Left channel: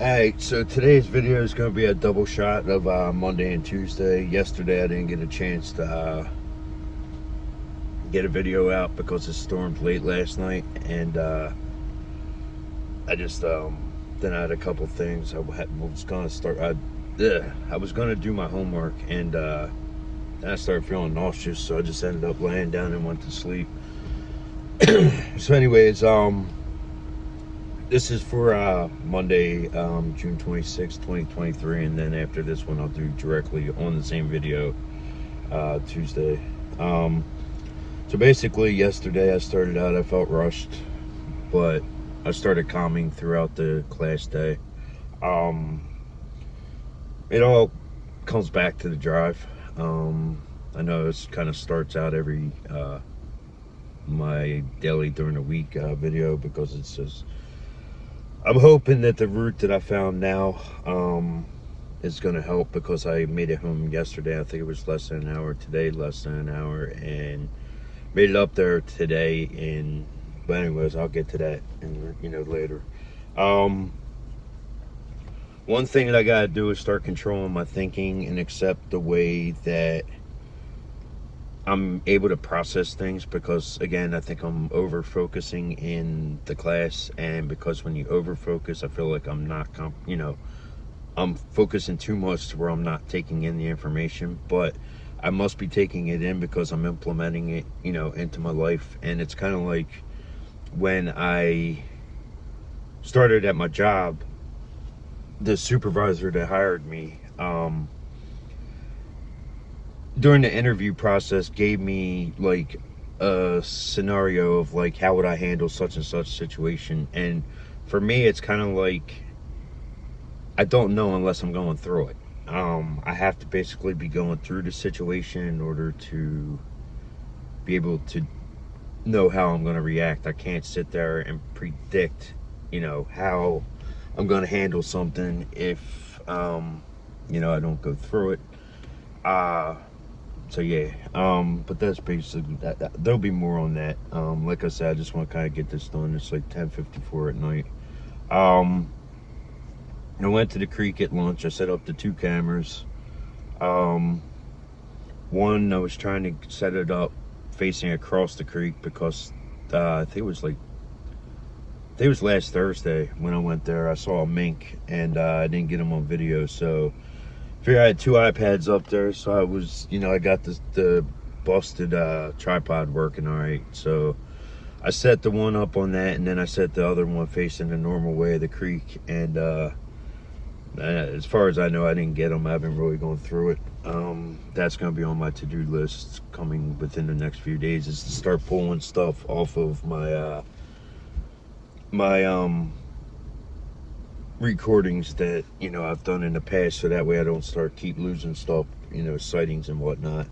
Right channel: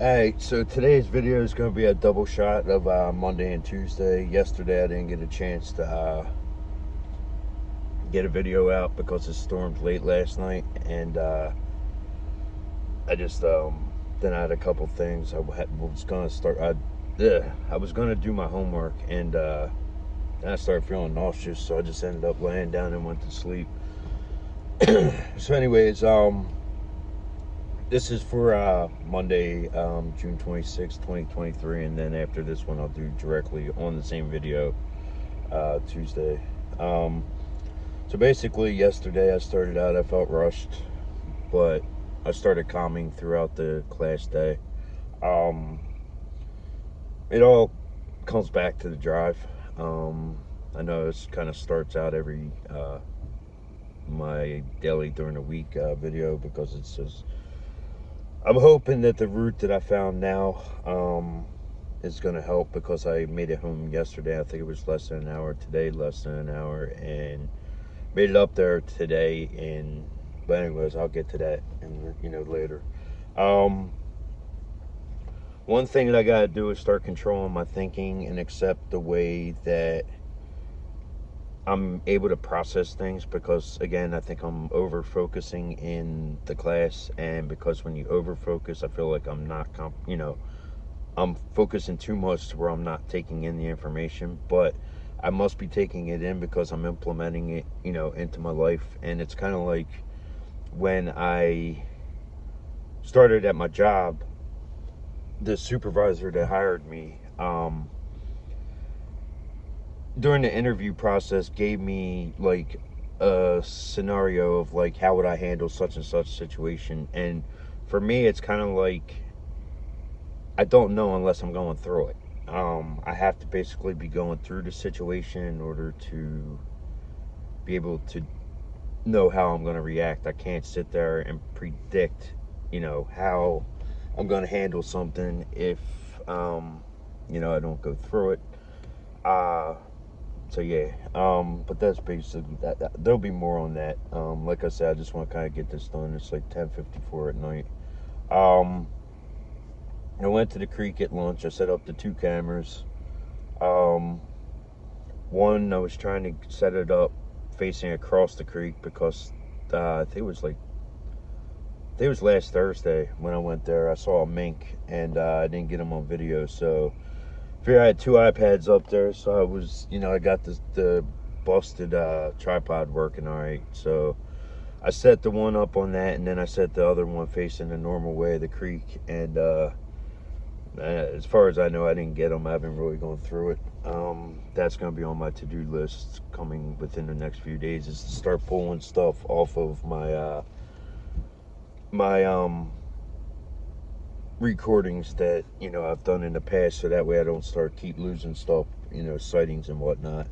Alright, so today's video is going to be a double shot of Monday and Tuesday. Yesterday I didn't get a chance to get a video out because it stormed late last night, and I just then I had a couple things. Was going to start. I was going to do my homework, and then I started feeling nauseous, so I just ended up laying down and went to sleep. So, anyways, this is for Monday, June 26th, 2023, and then after this one, I'll do directly on the same video Tuesday. So basically, yesterday I started out, I felt rushed, but I started calming throughout the class day. It all comes back to the drive. I know it kind of starts out every my daily during the week video, because it's just, I'm hoping that the route that I found now is going to help, because I made it home yesterday. I think it was less than an hour. Today, less than an hour, and made it up there today. And but anyways, I'll get to that later. One thing that I gotta do is start controlling my thinking and accept the way that I'm able to process things, because again, I think I'm over focusing in the class, and because when you over focus, I feel like I'm not I'm focusing too much to where I'm not taking in the information, but I must be taking it in because I'm implementing it into my life. And it's kind of like when I started at my job, the supervisor that hired me, during the interview process, gave me like a scenario of like, how would I handle such and such situation. And for me, it's kind of like, I don't know unless I'm going through it. I have to basically be going through the situation in order to be able to know how I'm going to react. I can't sit there and predict how I'm going to handle something if I don't go through it. So yeah, but that's basically that. There'll be more on that. Like I said, I just want to kind of get this done. It's like 10:54 at night. I went to the creek at lunch. I set up the 2 cameras. One, I was trying to set it up facing across the creek, because I think it was last Thursday when I went there. I saw a mink, and I didn't get him on video, so I figured I had 2 iPads up there, so I was, I got the busted tripod working all right. So I set the one up on that, and then I set the other one facing the normal way of the creek. And as far as I know, I didn't get them. I haven't really gone through it. That's going to be on my to-do list coming within the next few days, is to start pulling stuff off of my recordings that I've done in the past, so that way I don't keep losing stuff, sightings and whatnot.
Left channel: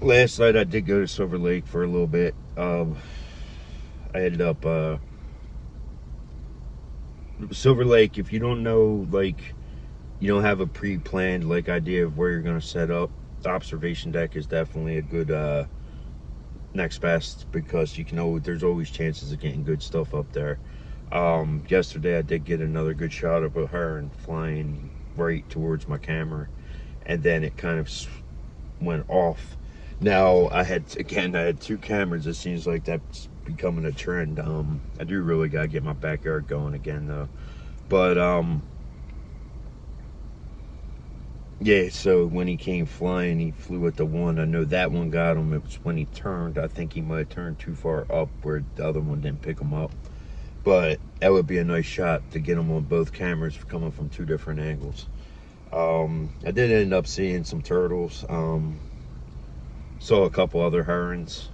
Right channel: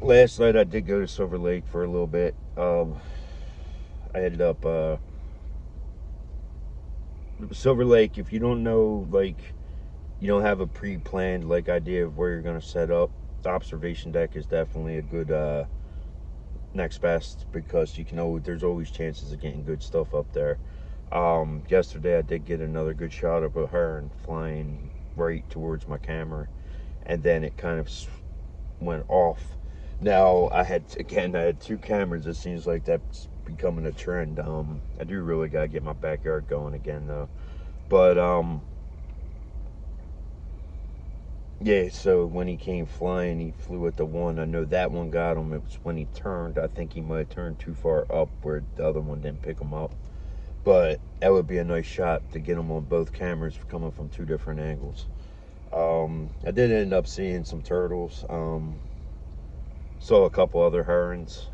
Last night I did go to Silver Lake for a little bit. I ended up Silver Lake. If you don't know, like, you don't have a pre-planned like idea of where you're going to set up, the observation deck is definitely a good next best, because there's always chances of getting good stuff up there. Yesterday I did get another good shot of a heron flying right towards my camera, and then it kind of went off. Now I had 2 cameras. It seems like that's becoming a trend. I do really gotta get my backyard going again though. But yeah, so when he came flying, he flew at the one. I know that one got him. It was when he turned. I think he might have turned too far up where the other one didn't pick him up. But that would be a nice shot to get him on both cameras coming from 2 different angles. I did end up seeing some turtles. Saw a couple other herons.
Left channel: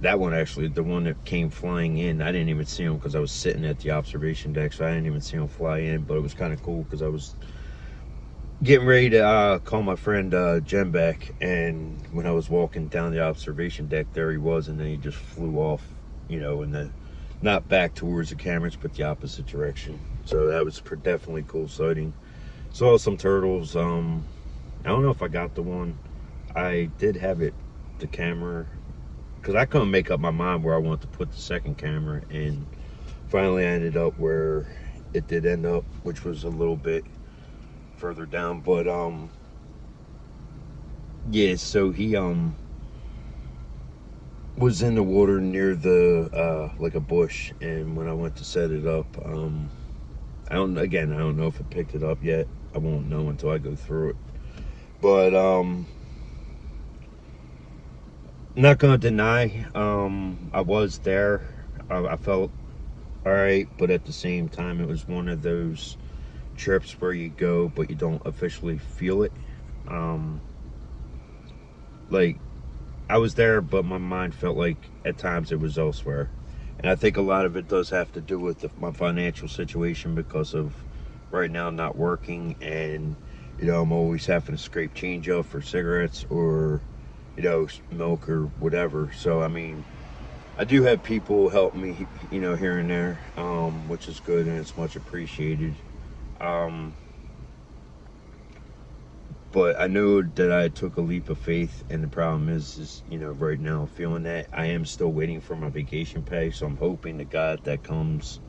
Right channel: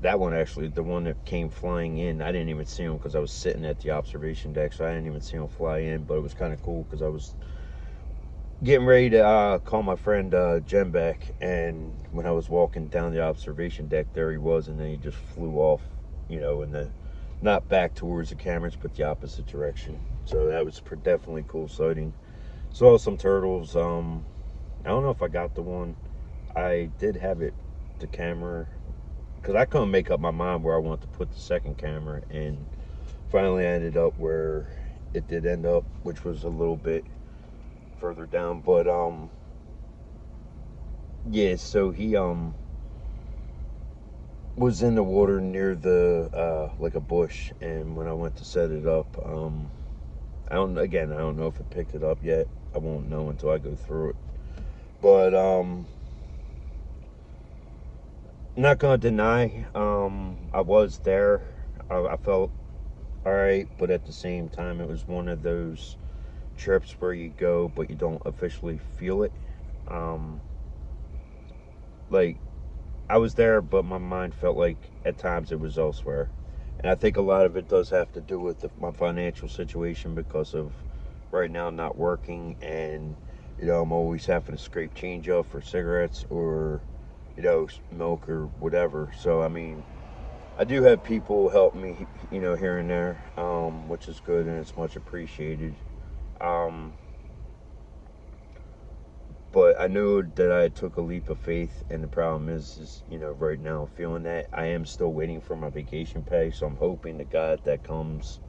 That one, actually, the one that came flying in, I didn't even see him because I was sitting at the observation deck, so I didn't even see him fly in. But it was kind of cool because I was getting ready to call my friend Jen back, and when I was walking down the observation deck, there he was, and then he just flew off, and then not back towards the cameras, but the opposite direction. So that was definitely cool sighting. Saw some turtles. I don't know if I got the one. I did have it the camera, because I couldn't make up my mind where I wanted to put the second camera, and finally I ended up where it did end up, which was a little bit further down. But yeah, so he was in the water near the like a bush, and when I went to set it up, I don't know if it picked it up yet. I won't know until I go through it. But not gonna deny, I was there. I felt all right, but at the same time, it was one of those trips where you go, but you don't officially feel it. Um, like I was there, but my mind felt like at times it was elsewhere. And I think a lot of it does have to do with my financial situation because of right now not working, and I'm always having to scrape change up for cigarettes or milk or whatever. So I mean, I do have people help me, here and there, which is good and it's much appreciated. Um, but I know that I took a leap of faith, and the problem is right now I'm feeling that I am still waiting for my vacation pay. So I'm hoping to God that comes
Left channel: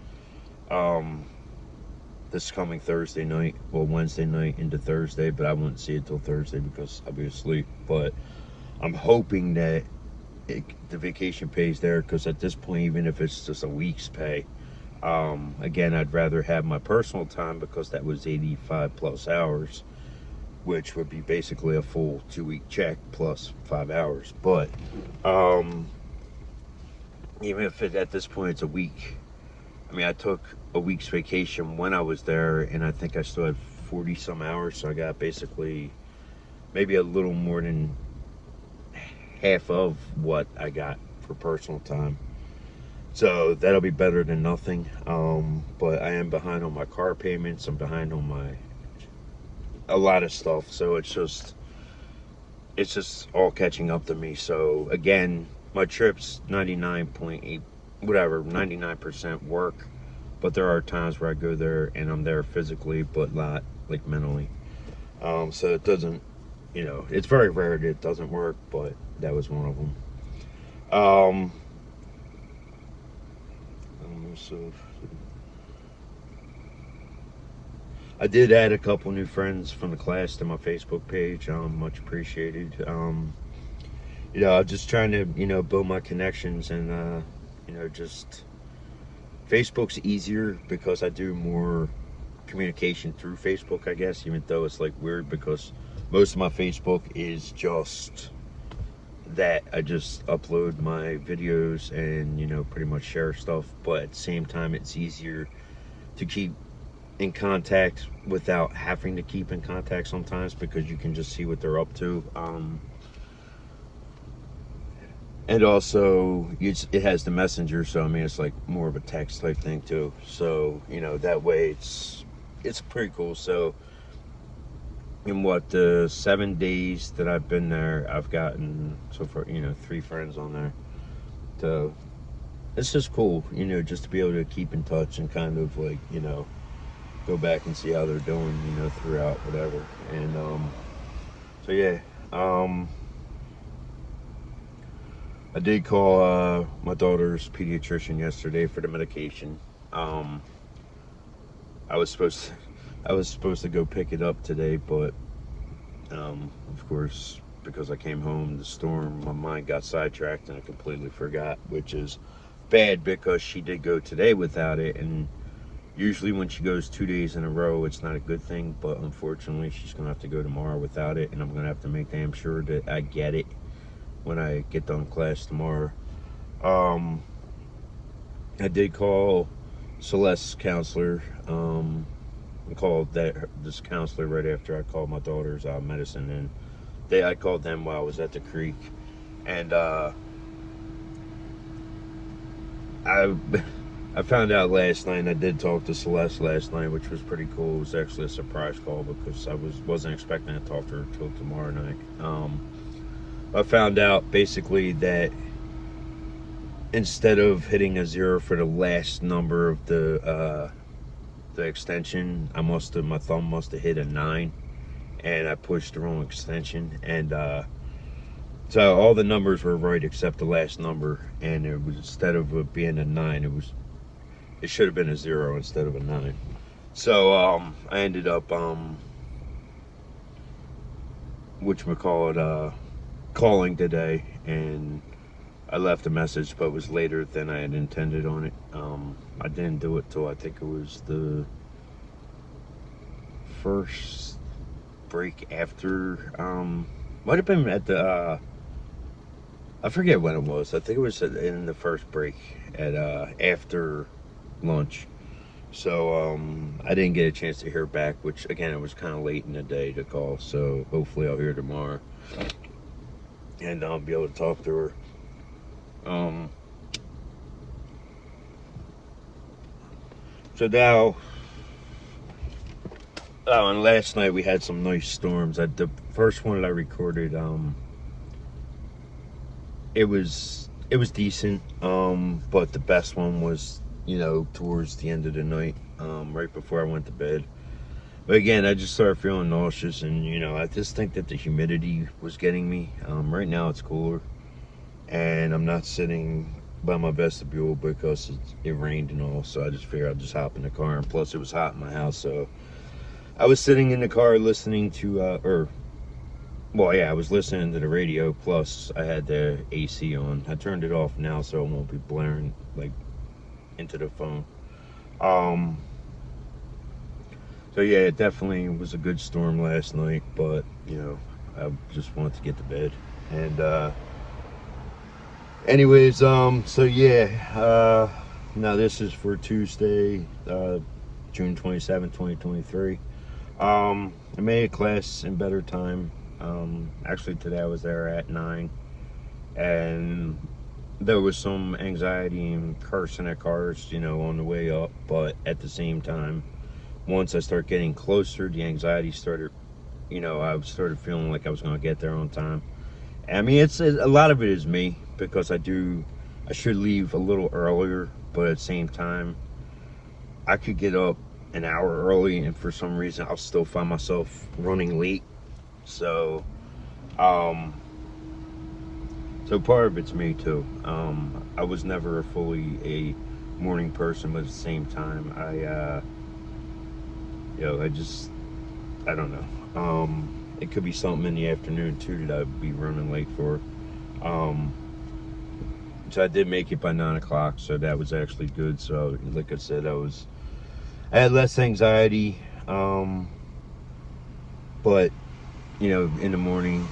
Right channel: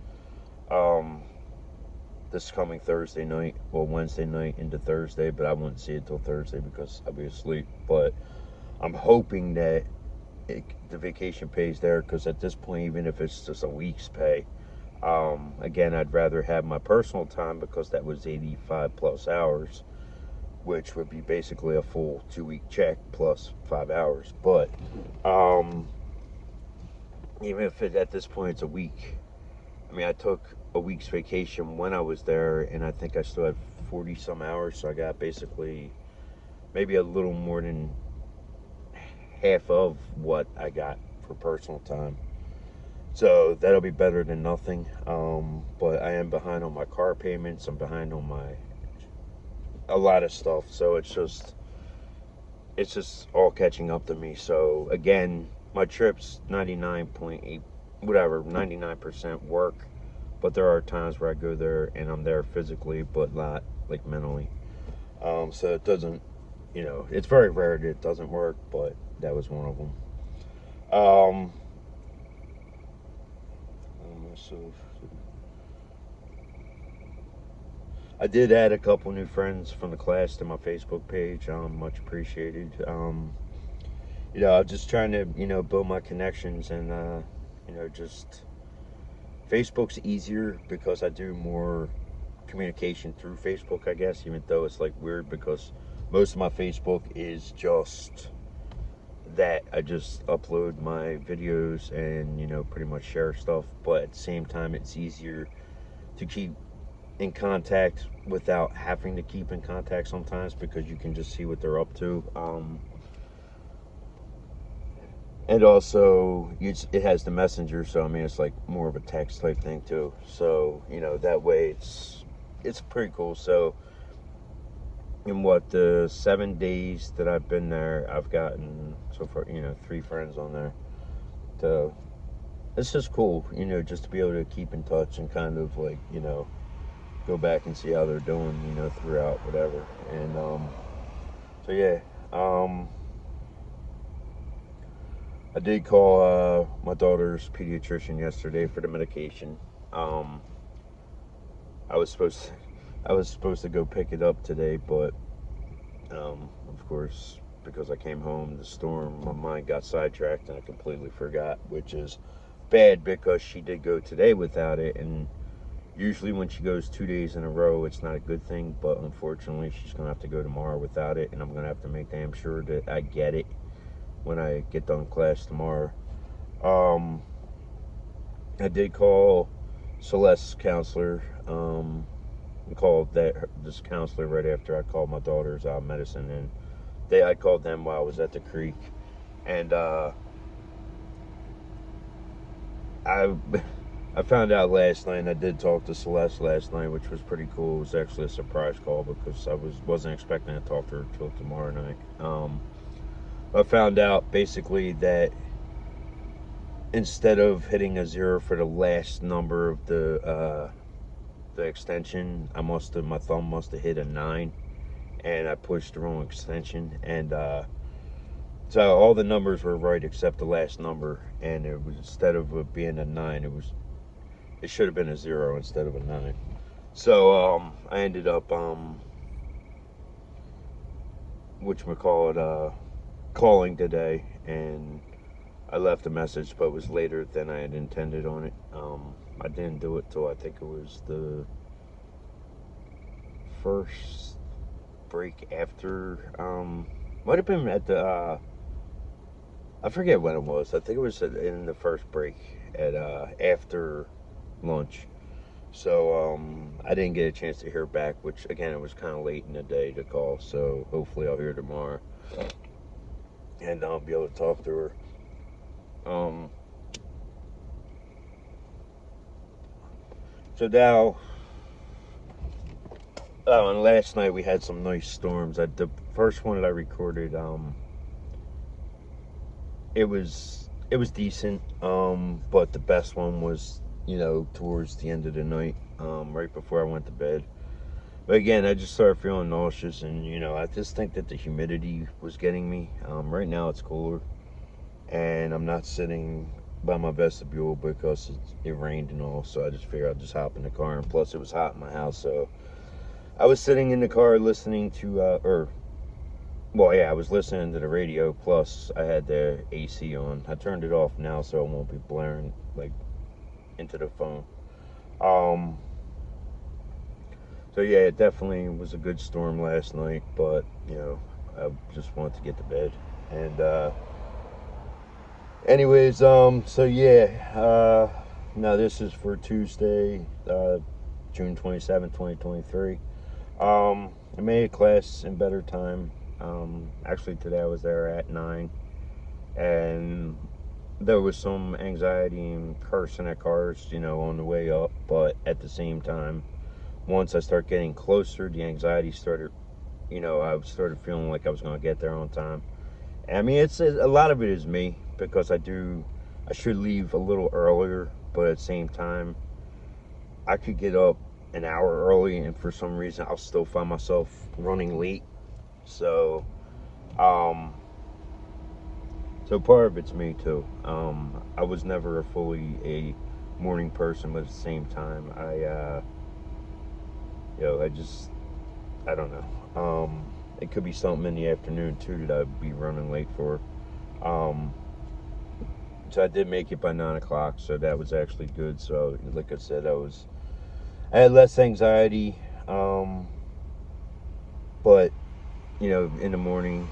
um, this coming Thursday night, well, Wednesday night into Thursday, but I won't see it till Thursday because I'll be asleep. But I'm hoping that the vacation pays there, because at this point, even if it's just a week's pay, again, I'd rather have my personal time because that was 85 plus hours, which would be basically a full 2 week check plus 5 hours. But even if at this point it's a week, I mean, I took a week's vacation when I was there, and I think I still had 40 some hours, so I got basically maybe a little more than half of what I got for personal time. So that'll be better than nothing. But I am behind on my car payments. I'm behind on a lot of stuff. So it's just all catching up to me. So again, my trip's 99.8, whatever, 99% work. But there are times where I go there and I'm there physically, but not like mentally. So it doesn't, it's very rare that it doesn't work, but that was one of them. Um, so I did add a couple new friends from the class to my Facebook page. Much appreciated. I'm just trying to, build my connections, and just Facebook's easier because I do more communication through Facebook, I guess, even though it's like weird because most of my Facebook is just that I just upload my videos and pretty much share stuff, but at the same time it's easier to keep in contact without having to keep in contact sometimes because you can just see what they're up to. And also it has the messenger, so I mean it's like more of a text type thing too, so that way it's pretty cool. So in the 7 days that I've been there, I've gotten so far 3 friends on there. So it's just cool, just to be able to keep in touch and kind of like go back and see how they're doing, throughout whatever. And so yeah, I did call my daughter's pediatrician yesterday for the medication. Um, I was supposed to, I was supposed to go pick it up today, but of course, because I came home, the storm, my mind got sidetracked and I completely forgot, which is bad because she did go today without it, and usually when she goes 2 days in a row, it's not a good thing, but unfortunately, she's going to have to go tomorrow without it, and I'm going to have to make damn sure that I get it when I get done class tomorrow. Um, I did call Celeste's counselor. I called this counselor right after I called my daughter's medicine, and I called them while I was at the creek, and I I found out last night. And I did talk to Celeste last night, which was pretty cool. It was actually a surprise call because I wasn't expecting to talk to her till tomorrow night. I found out basically that instead of hitting a 0 for the last number of the extension, my thumb must have hit a 9, and I pushed the wrong extension, and So all the numbers were right except the last number, and it was, instead of it being a 9, it should have been a 0 instead of a 9. So I ended up calling today, and I left a message, but it was later than I had intended on it. I didn't do it till I think it was the first break after. Might have been at the. I forget when it was. I think it was in the first break at after lunch. So I didn't get a chance to hear back, which again, it was kind of late in the day to call. So hopefully I'll hear tomorrow, and I'll be able to talk to her. So now, and last night we had some nice storms. The first one that I recorded, it was decent, but the best one was, towards the end of the night, right before I went to bed. But again, I just started feeling nauseous, and I just think that the humidity was getting me. Right now it's cooler, and I'm not sitting by my vestibule because it rained and all, so I just figured I'd just hop in the car, and plus it was hot in my house, so I was sitting in the car listening to, I was listening to the radio, plus I had the AC on. I turned it off now so it won't be blaring, like, into the phone. So yeah, it definitely was a good storm last night, but, I just wanted to get to bed. And, anyways, so yeah, now this is for Tuesday, June 27th, 2023. I made a class in better time. Actually today I was there at 9, and there was some anxiety and cursing at cars, on the way up, but at the same time, once I started getting closer, the anxiety started, I started feeling like I was going to get there on time. I mean, a lot of it is me, because I should leave a little earlier, but at the same time, I could get up an hour early, and for some reason, I'll still find myself running late. So, so part of it's me too. I was never fully a morning person, but at the same time, I don't know. It could be something in the afternoon too that I'd be running late for. So I did make it by 9 o'clock, so that was actually good. So, like I said, I had less anxiety, but in the morning,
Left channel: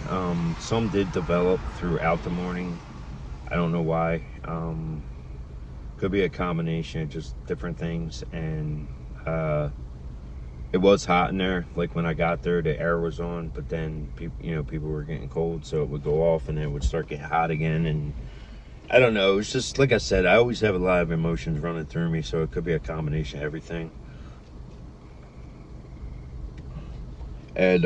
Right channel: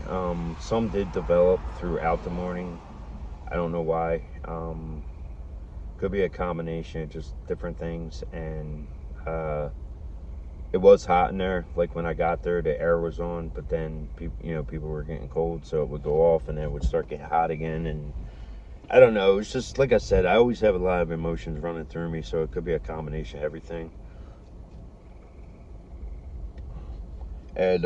some did develop throughout the morning. I don't know why. Could be a combination of just different things, and it was hot in there. Like when I got there, the air was on, but then people were getting cold, so it would go off, and then it would start getting hot again. And I don't know. It's just like I said. I always have a lot of emotions running through me, so it could be a combination of everything. And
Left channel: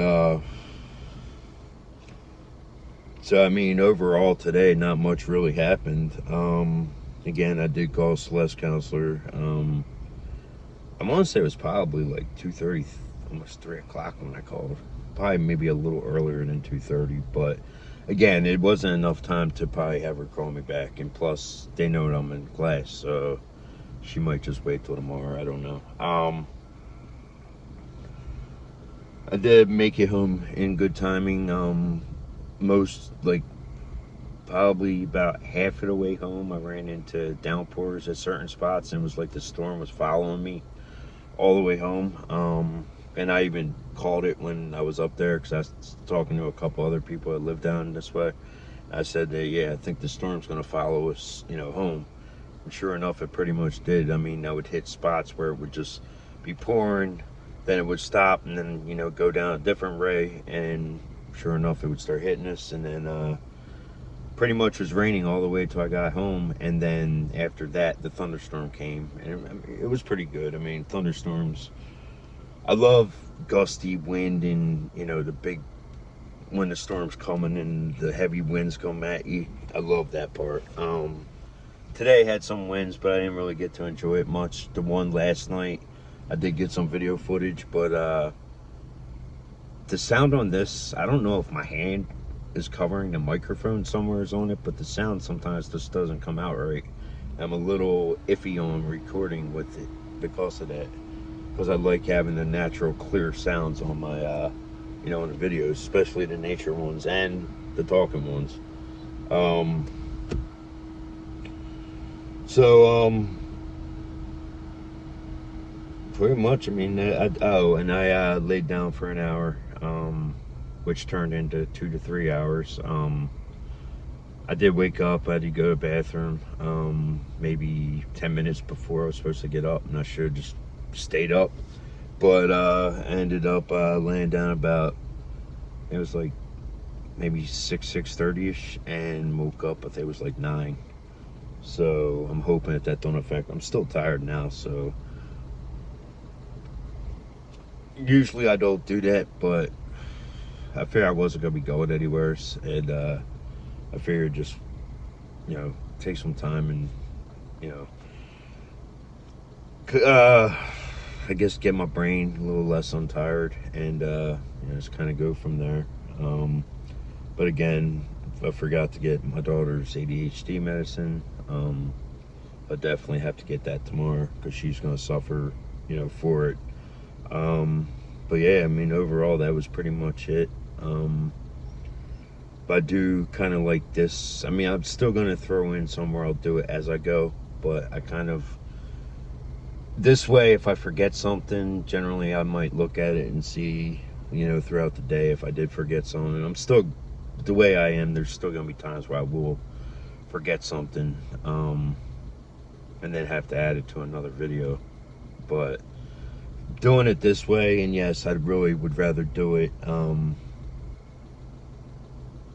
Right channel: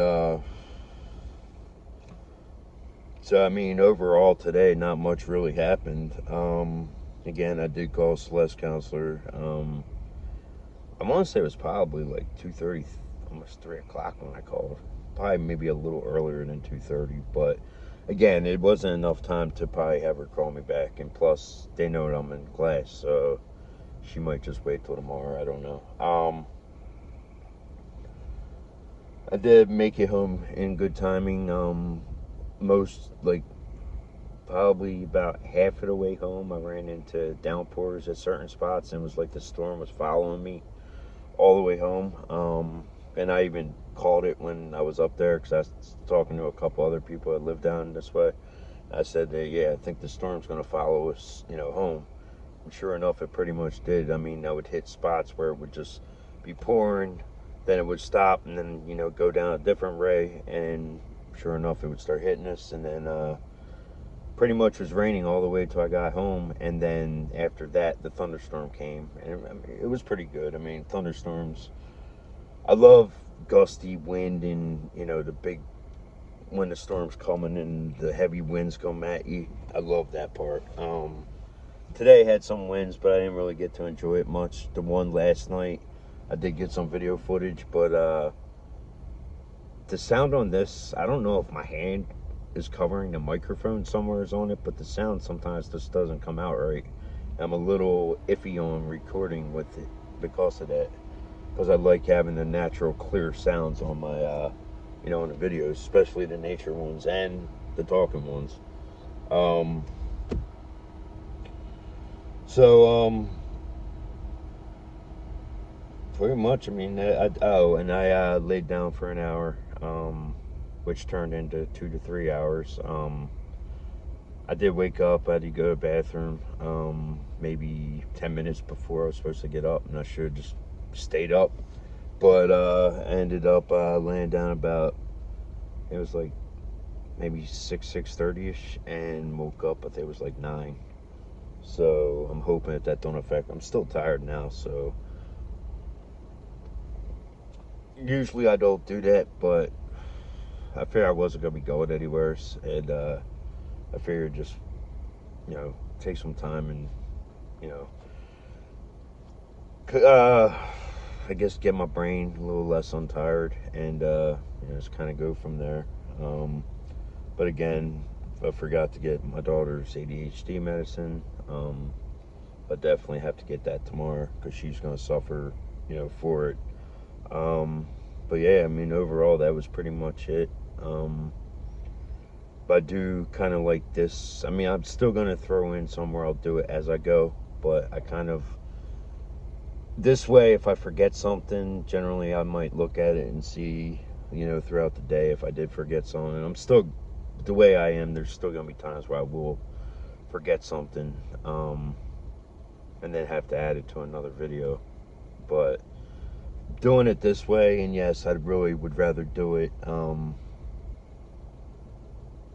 so I mean, overall today, not much really happened. Again, I did call Celeste Counselor. I want to say it was probably like 2:30, almost 3 o'clock when I called. Probably maybe a little earlier than 2:30, but again, it wasn't enough time to probably have her call me back. And plus, they know that I'm in class, so she might just wait till tomorrow. I don't know. I did make it home in good timing. Probably about half of the way home, I ran into downpours at certain spots, and it was like the storm was following me all the way home. And I even called it when I was up there, because I was talking to a couple other people that live down this way. I said that, yeah, I think the storm's going to follow us, home. And sure enough, it pretty much did. I mean, I would hit spots where it would just be pouring, then it would stop, and then, go down a different way, and sure enough, it would start hitting us, and then pretty much was raining all the way till I got home, and then after that, the thunderstorm came, and it was pretty good. I mean, thunderstorms, I love gusty wind, and when the storm's coming and the heavy winds come at you. I love that part. Today had some winds, but I didn't really get to enjoy it much. The one last night, I did get some video footage, but the sound on this, I don't know if my hand is covering the microphone somewhere is on it, but the sound sometimes just doesn't come out right. I'm a little iffy on recording with it because of that. Because I like having the natural, clear sounds on my, on the videos, especially the nature ones and the talking ones. Um, so, pretty much, I mean, I laid down for an hour, which turned into 2 to 3 hours. I did wake up. I had to go to the bathroom maybe 10 minutes before I was supposed to get up, and I should have just stayed up. But I ended up laying down about, it was like maybe 6:30ish, and woke up, I think it was like 9. So I'm hoping that don't affect. I'm still tired now, so usually I don't do that, but I figured I wasn't going to be going anywhere, and I figured just, take some time and, you I guess get my brain a little less untired, and just kind of go from there. But again, I forgot to get my daughter's ADHD medicine. I definitely have to get that tomorrow because she's going to suffer, for it. But yeah, I mean, overall, that was pretty much it. But I do kind of like this. I mean, I'm still going to throw in somewhere I'll do it as I go, but I kind of, this way, if I forget something, generally I might look at it and see, throughout the day if I did forget something. And I'm still, the way I am, there's still going to be times where I will forget something, and then have to add it to another video. But doing it this way, and yes, I really would rather do it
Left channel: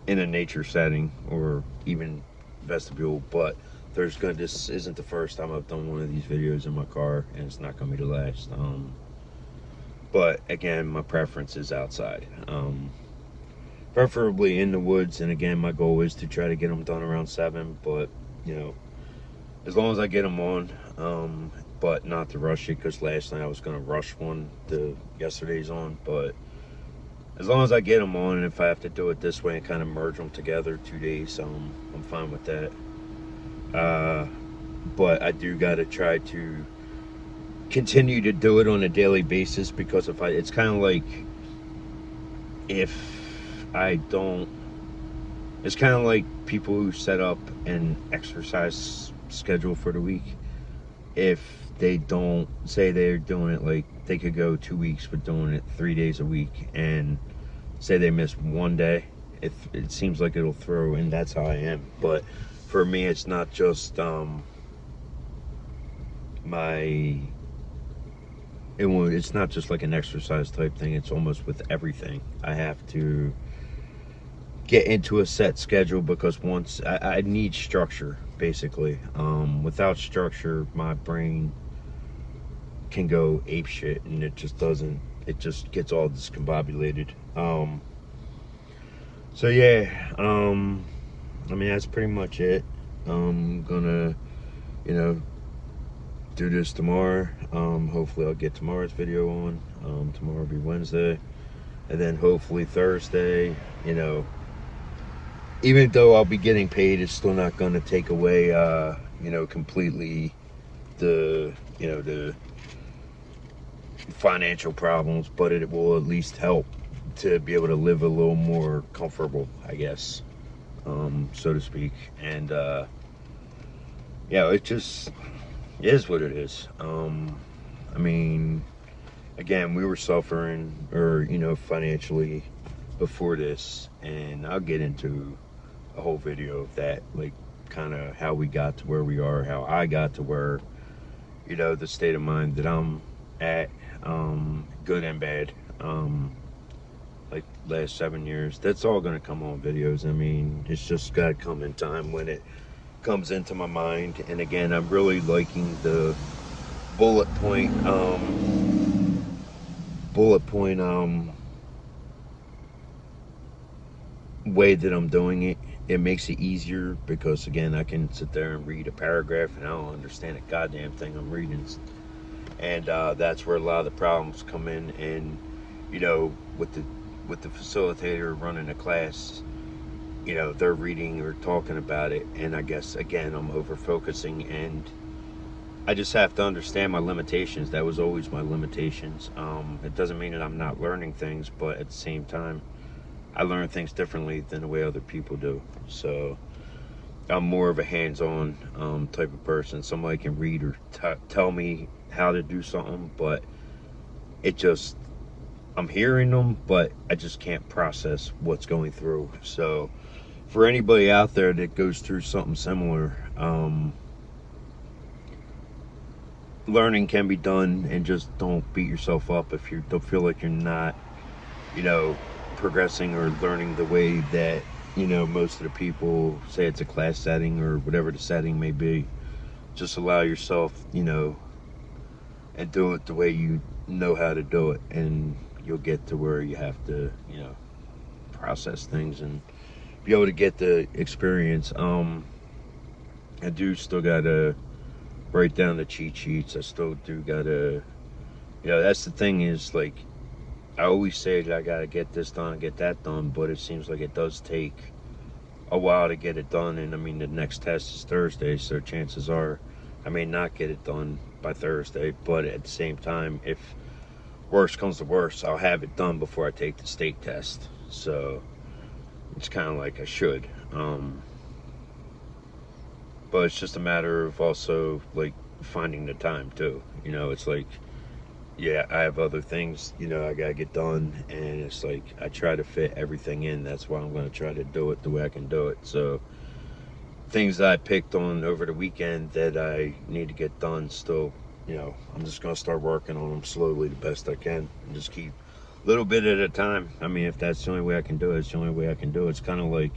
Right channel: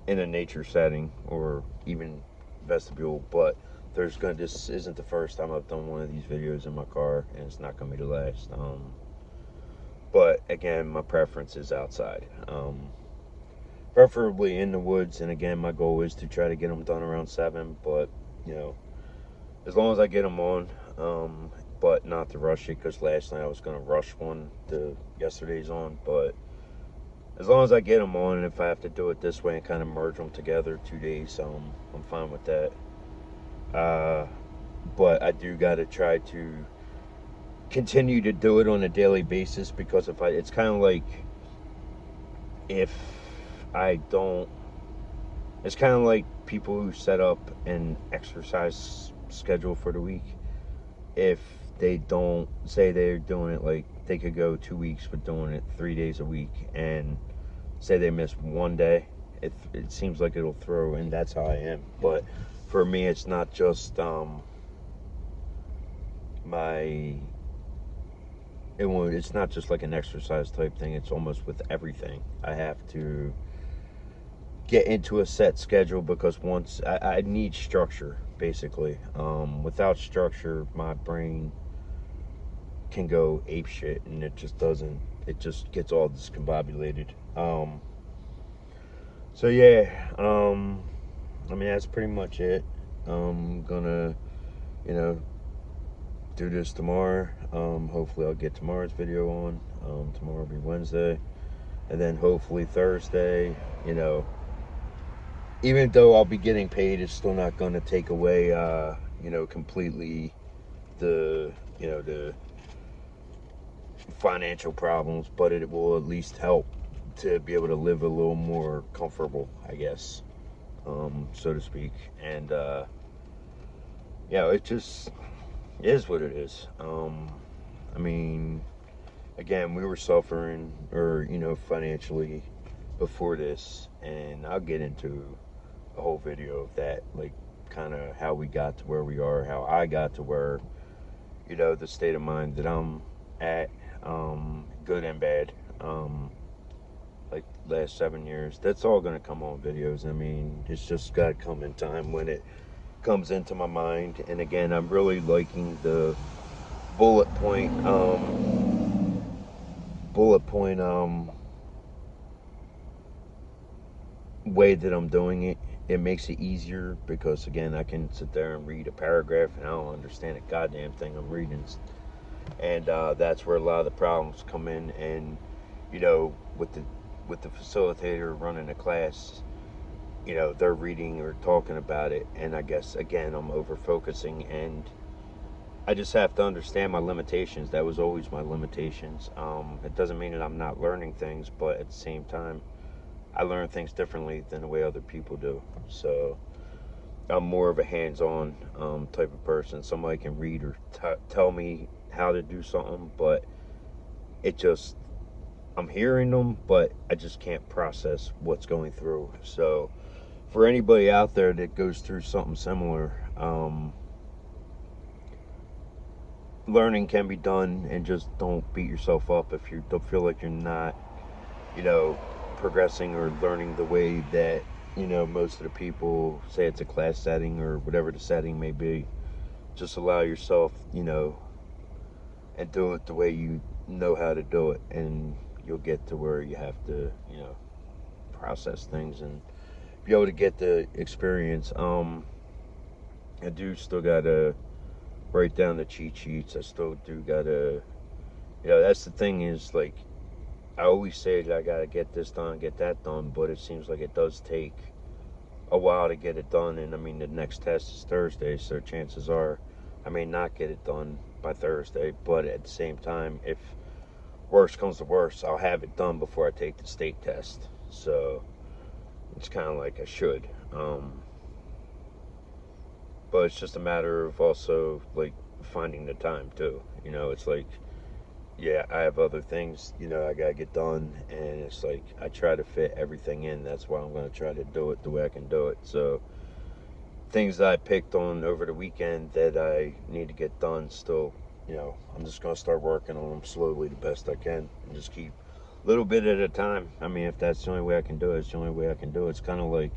in a nature setting or even vestibule, but this isn't the first time I've done one of these videos in my car, and it's not going to be the last. But again, my preference is outside, preferably in the woods, and again, my goal is to try to get them done around 7, but as long as I get them on, but not to rush it, because last night I was going to rush one to yesterday's on, but as long as I get them on, and if I have to do it this way and kind of merge them together 2 days, I'm fine with that. But I do got to try to continue to do it on a daily basis, because it's kind of like, if I don't, it's kind of like people who set up an exercise schedule for the week. If they don't, say they're doing it, like they could go 2 weeks but doing it 3 days a week, and say they miss one day, it seems like it'll throw, and that's how I am. But for me, it's not just it's not just like an exercise type thing. It's almost with everything. I have to get into a set schedule, because once I need structure, basically. Without structure, my brain can go ape shit, and it just doesn't. It just gets all discombobulated. So yeah, I mean, that's pretty much it. I'm gonna, do this tomorrow. Hopefully I'll get tomorrow's video on. Tomorrow will be Wednesday, and then hopefully Thursday, even though I'll be getting paid, it's still not going to take away, completely the financial problems, but it will at least help to be able to live a little more comfortable, I guess, so to speak. And it just is what it is. I mean, again, we were suffering, or financially, before this, and I'll get into a whole video of that, like kind of how we got to where we are, how I got to where, the state of mind that I'm at, good and bad, like last 7 years. That's all gonna come on videos. I mean, it's just gotta come in time when it comes into my mind. And again, I'm really liking the bullet point way that I'm doing it. It makes it easier, because again, I can sit there and read a paragraph and I don't understand a goddamn thing I'm reading, and that's where a lot of the problems come in. And with the facilitator running the class, they're reading or talking about it, and I guess again I'm over focusing, and I just have to understand my limitations. That was always my limitations. It doesn't mean that I'm not learning things, but at the same time, I learn things differently than the way other people do. So I'm more of a hands-on type of person. Somebody can read or tell me how to do something, but it just I'm hearing them, but I just can't process what's going through. So for anybody out there that goes through something similar, learning can be done, and just don't beat yourself up if you don't feel like you're not, you know, progressing or learning the way that most of the people say it's a class setting or whatever the setting may be. Just allow yourself, and do it the way you know how to do it, and you'll get to where you have to, process things and be able to get the experience. I do still gotta write down the cheat sheets. I still do gotta, that's the thing is like I always say that I gotta get this done, get that done, but it seems like it does take a while to get it done. And I mean, the next test is Thursday, so chances are I may not get it done by Thursday. But at the same time, if worst comes to worst, I'll have it done before I take the state test. So it's kind of like I should. But it's just a matter of also like finding the time too. It's like, yeah, I have other things, I gotta get done, and it's like I try to fit everything in. That's why I'm gonna try to do it the way I can do it. So things that I picked on over the weekend that I need to get done still, I'm just gonna start working on them slowly the best I can, and just keep a little bit at a time. I mean, if that's the only way I can do it, it's the only way I can do it. It's kind of like,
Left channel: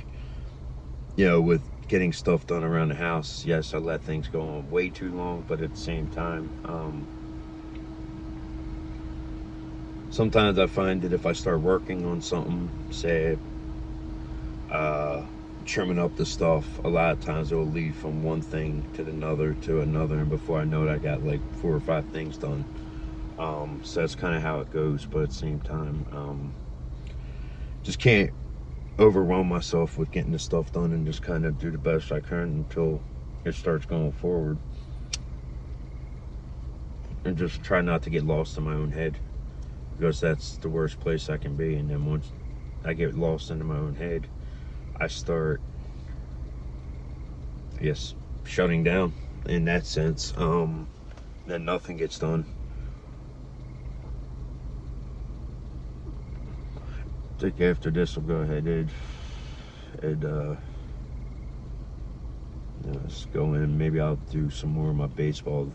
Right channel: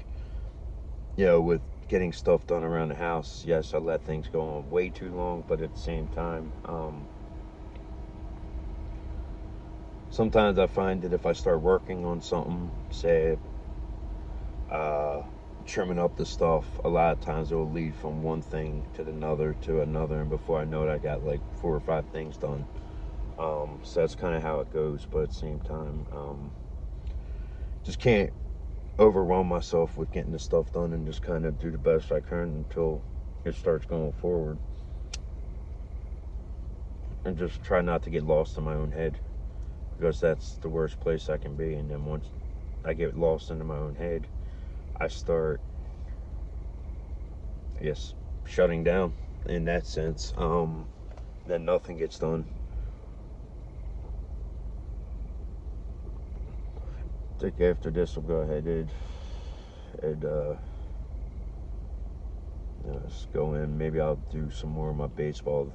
with getting stuff done around the house. Yes, I let things go on way too long, but at the same time, sometimes I find that if I start working on something, say, uh, trimming up the stuff, a lot of times it will lead from one thing to another, and before I know it, I got like 4 or 5 things done. So that's kind of how it goes, but at the same time, just can't overwhelm myself with getting the stuff done, and just kind of do the best I can until it starts going forward, and just try not to get lost in my own head, because that's the worst place I can be. And then once I get lost into my own head, I start, I guess, shutting down in that sense. Then nothing gets done. I think after this, we'll go ahead and let's go in. Maybe I'll do some more of my baseball,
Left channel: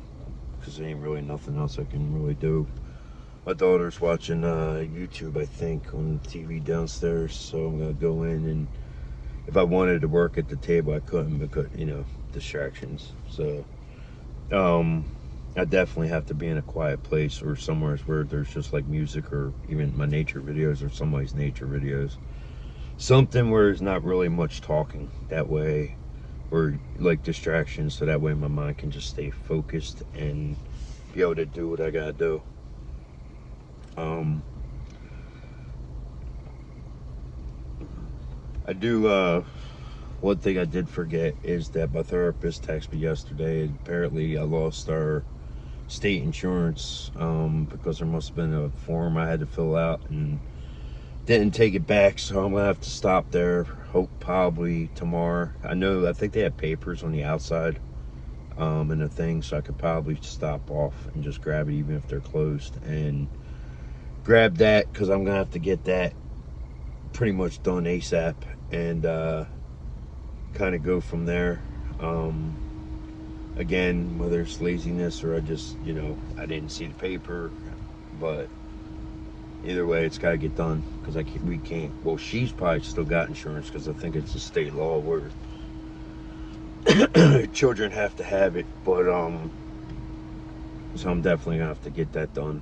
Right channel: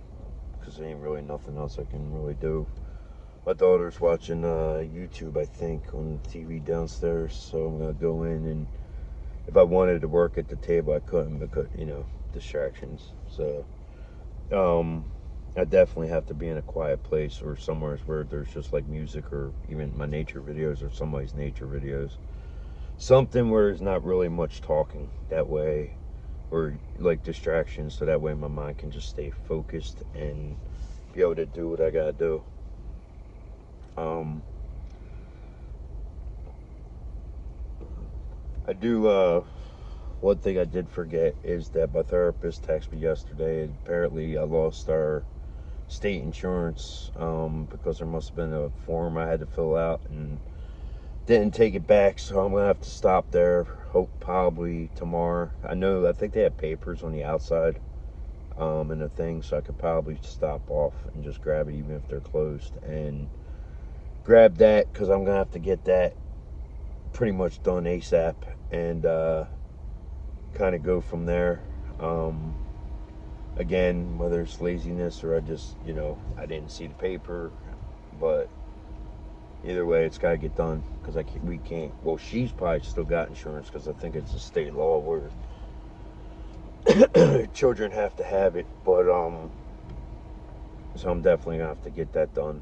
because there ain't really nothing else I can really do. My daughter's watching YouTube, I think, on the TV downstairs, so I'm gonna go in, and if I wanted to work at the table, I couldn't because distractions. So I definitely have to be in a quiet place or somewhere where there's just like music, or even my nature videos or somebody's nature videos. Something where there's not really much talking. That way, or like distractions, so that way my mind can just stay focused and be able to do what I gotta do. Um, I do. One thing I did forget is that my therapist texted me yesterday, and apparently I lost our state insurance, because there must have been a form I had to fill out and didn't take it back. So I'm gonna have to stop there. Hope probably tomorrow. I think they have papers on the outside, and a thing, so I could probably stop off and just grab it, even if they're closed, and grab that, because I'm gonna have to get that pretty much done ASAP, and kind of go from there. Again, whether it's laziness or I just, I didn't see the paper, but either way, it's got to get done, because we can't. Well, she's probably still got insurance, because I think it's a state law where children have to have it. But so I'm definitely gonna have to get that done.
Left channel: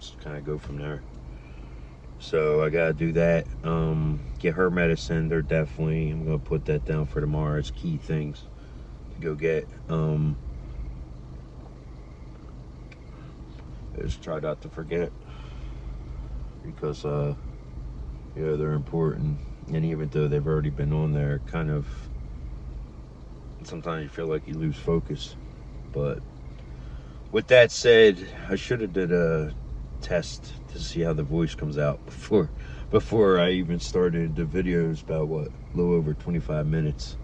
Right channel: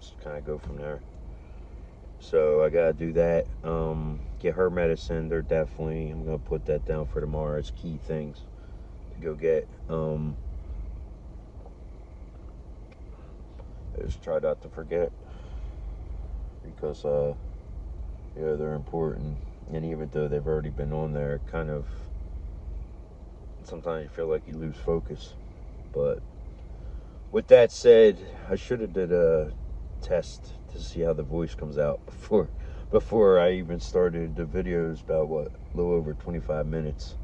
Just kind of go from there. So I gotta do that. Get her medicine. I'm gonna put that down for tomorrow. It's key things to go get. I just try not to forget, because they're important. And even though they've already been on there, kind of sometimes you feel like you lose focus. But with that said, I should have did a test to see how the voice comes out before I even started the videos. About what, a little over 25 minutes.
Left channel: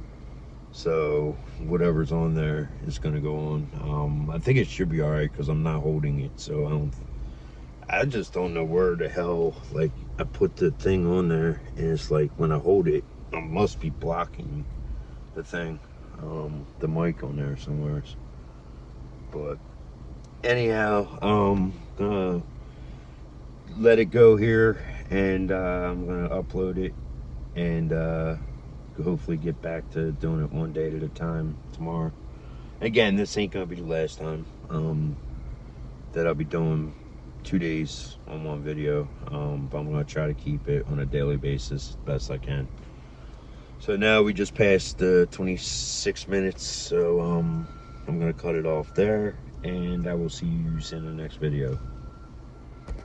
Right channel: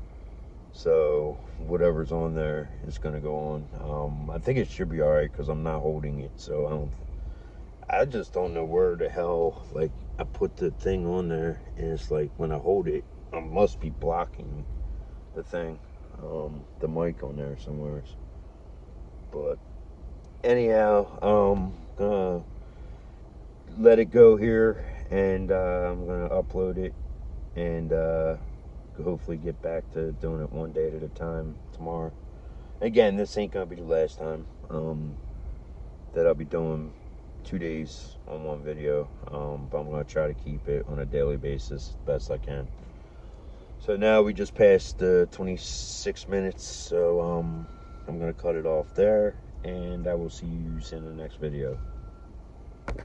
So whatever's on there is gonna go on. I think it should be all right because I'm not holding it, so I just don't know where the hell, like, I put the thing on there, and it's like when I hold it, I must be blocking the thing, the mic on there somewhere. But anyhow, gonna let it go here, and I'm gonna upload it, and hopefully get back to doing it one day at a time tomorrow. Again, this ain't gonna be the last time that I'll be doing 2 days on one video, but I'm gonna try to keep it on a daily basis best I can. So now we just passed the 26 minutes, so I'm gonna cut it off there, and I will see you in the next video.